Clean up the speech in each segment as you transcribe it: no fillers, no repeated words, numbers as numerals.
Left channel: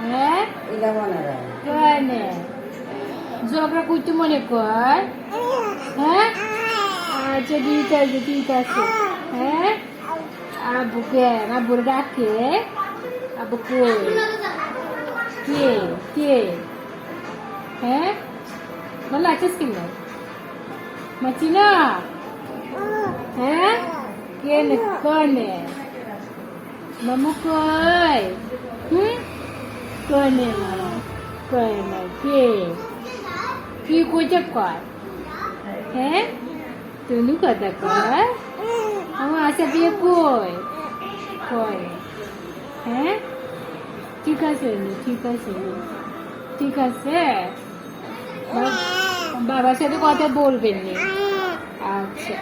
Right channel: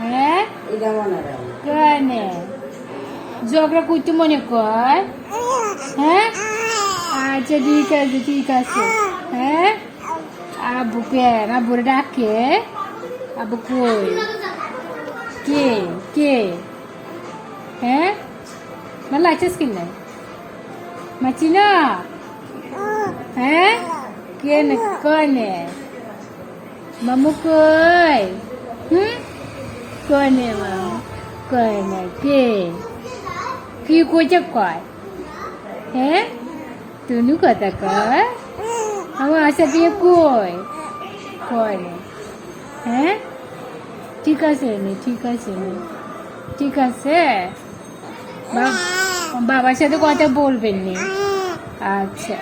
হ্যাঁ কেনে ঝগড়া করতে মনে কর? হ্যাঁ আচ্ছা ঠিক আছে হ্যাঁ আব্বুকে আব্বুরে ডাকে আব্বু কই কে কে হ্যাঁ ভালো লাগছিস কিনা মাছি না হ্যাঁ কেনে কনে মামু কই কনে মামু কনে কে কি কইছে কয় হ্যাঁ তুনু কথা কয় আমার আশা দিয়ে কই কয় হ্যাঁ ঠিক আছে ঠিক আছে ঠিক আছে বাবার সাথে কথা বলবেন না আচ্ছা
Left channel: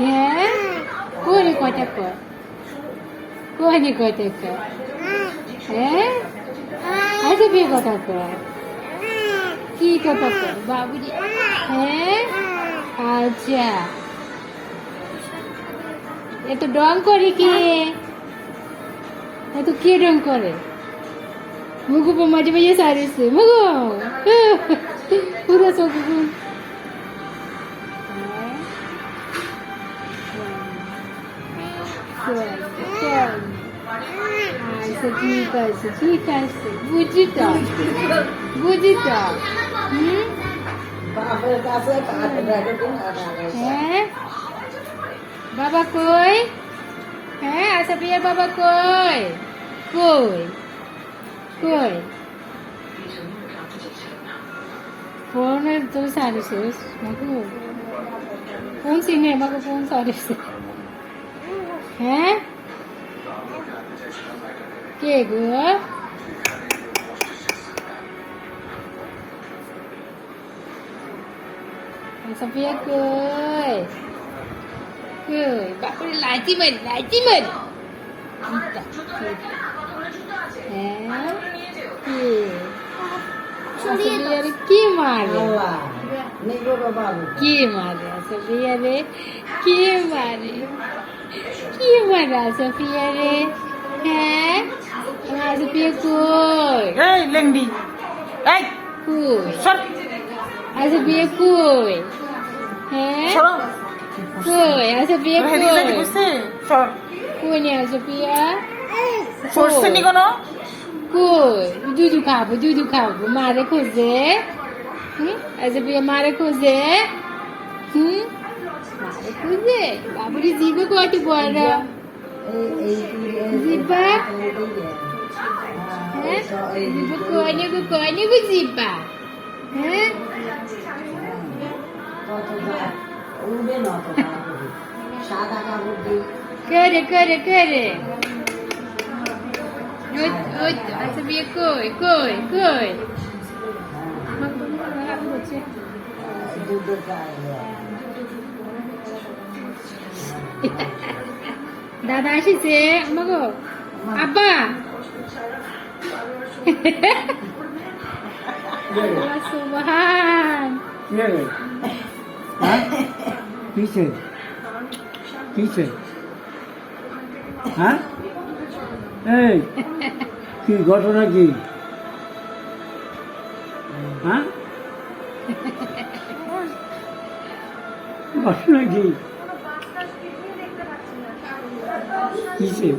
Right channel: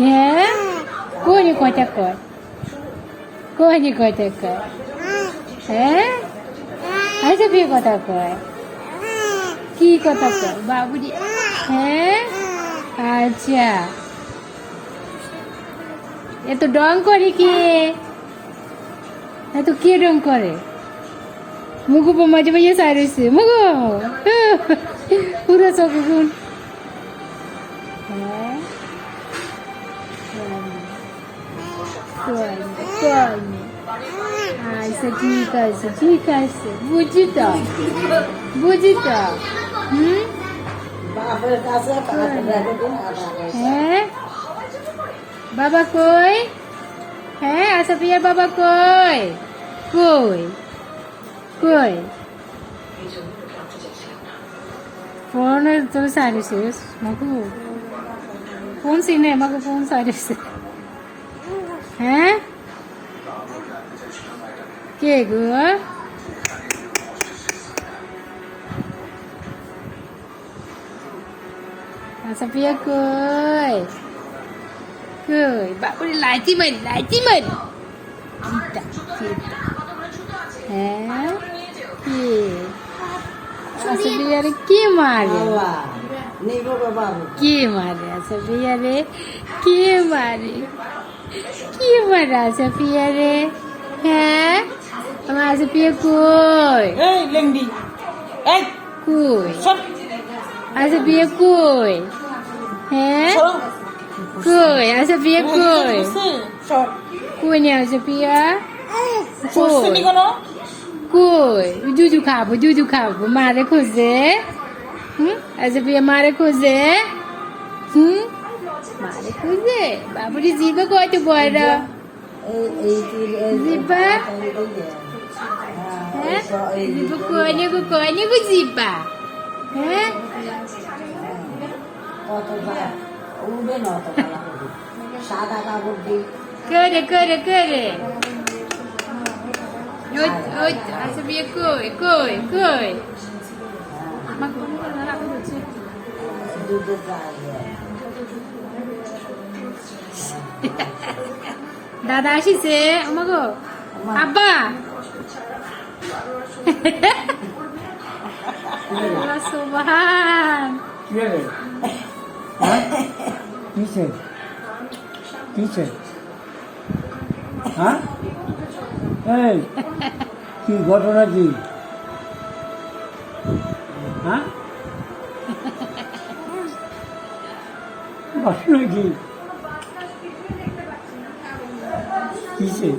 হ্যাঁ কোনে কথা কয় কোনে কথা কয় হ্যাঁ আচ্ছা কি কথা কয় কি কথা কয় বাবুজি হ্যাঁ আচ্ছা এত ডং করে কি এত কে ডং করে মুগু মাঝে মাঝে সারিছে মুগু পুরো চোখ ফুল আচ্ছা ঠিক আছে বুঝি তো হ্যাঁ বাবা কই হ্যাঁ আশা প্রিয়া বাবা কই কই কই ফোন তো সারিছিস মাকু ফোন সিনে মাকু ফোন সারিছিস হ্যাঁ কে গো আশা প্রিয়া কই কই বাপুরে লাইটি মার হ্যাঁ কি মারে কি মারে সফিয়া রে কি মারে সফিয়া রে হ্যাঁ আমার সফিয়া কই লেংডি কই সফিয়া কই হ্যাঁ কই সফিয়া কই কই না সফিয়া কই জুজু খাবো মারে খোঁজে সফিয়া মারে খোঁজে মারে খোঁজে বাবুরি জিবা কত বড় জিবা হ্যাঁ কোনে গো জিবা হ্যাঁ করে সফিয়া কই দাদা আসিছে আমাগো আব্বা সুবহান কিসে হ্যাঁ এই কি ঘটনা কি হ্যাঁ ঘটনা কি কিসে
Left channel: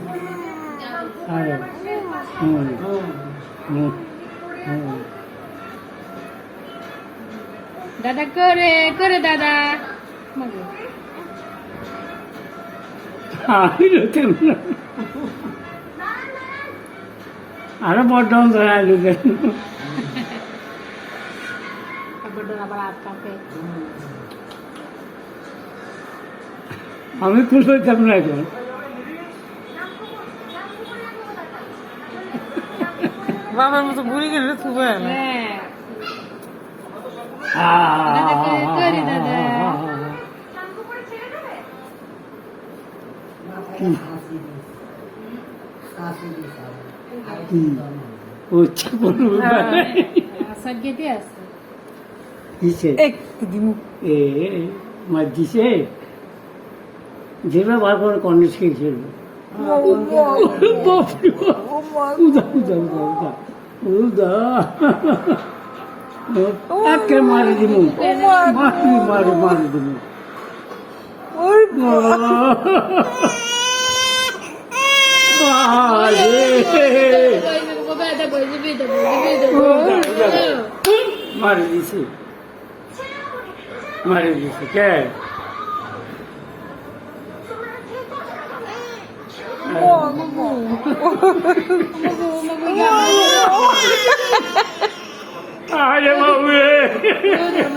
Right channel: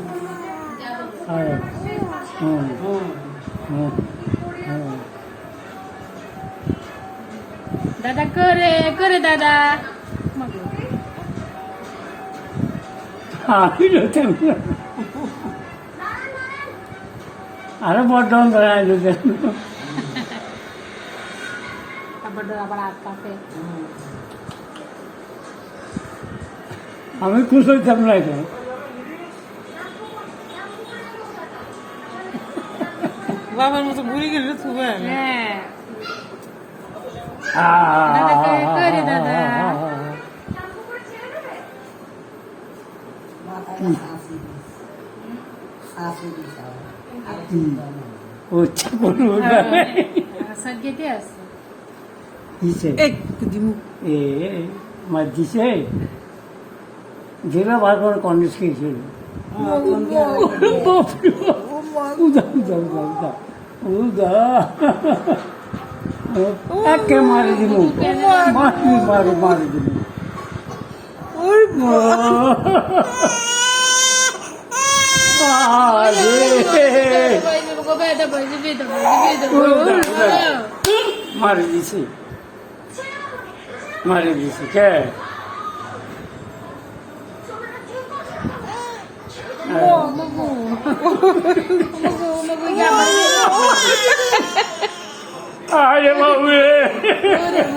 দাদা করে দাদা আরো বড্ড আমি খুশ হইতাম না এখন বাবার মতো ঘুরে গেলে থুবে না দিছে যেভাবে বার করে কন্ডিস খেয়েছিল উদা উদা উদা উদা উদা আকে মারি দিল মারি মারি মারি দিল মারি দিছে মারি দিছে কে আরে বাবা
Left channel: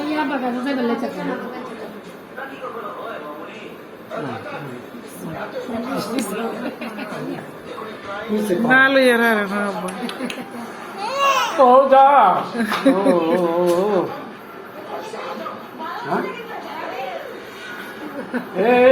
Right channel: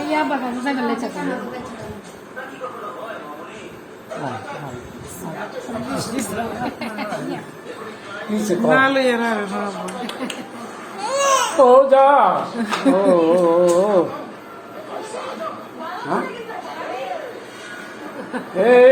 Ya bapak bisa gelecek kan? না লইয়া রে না আব্বা Oh, da. Oh. Hah? Eh.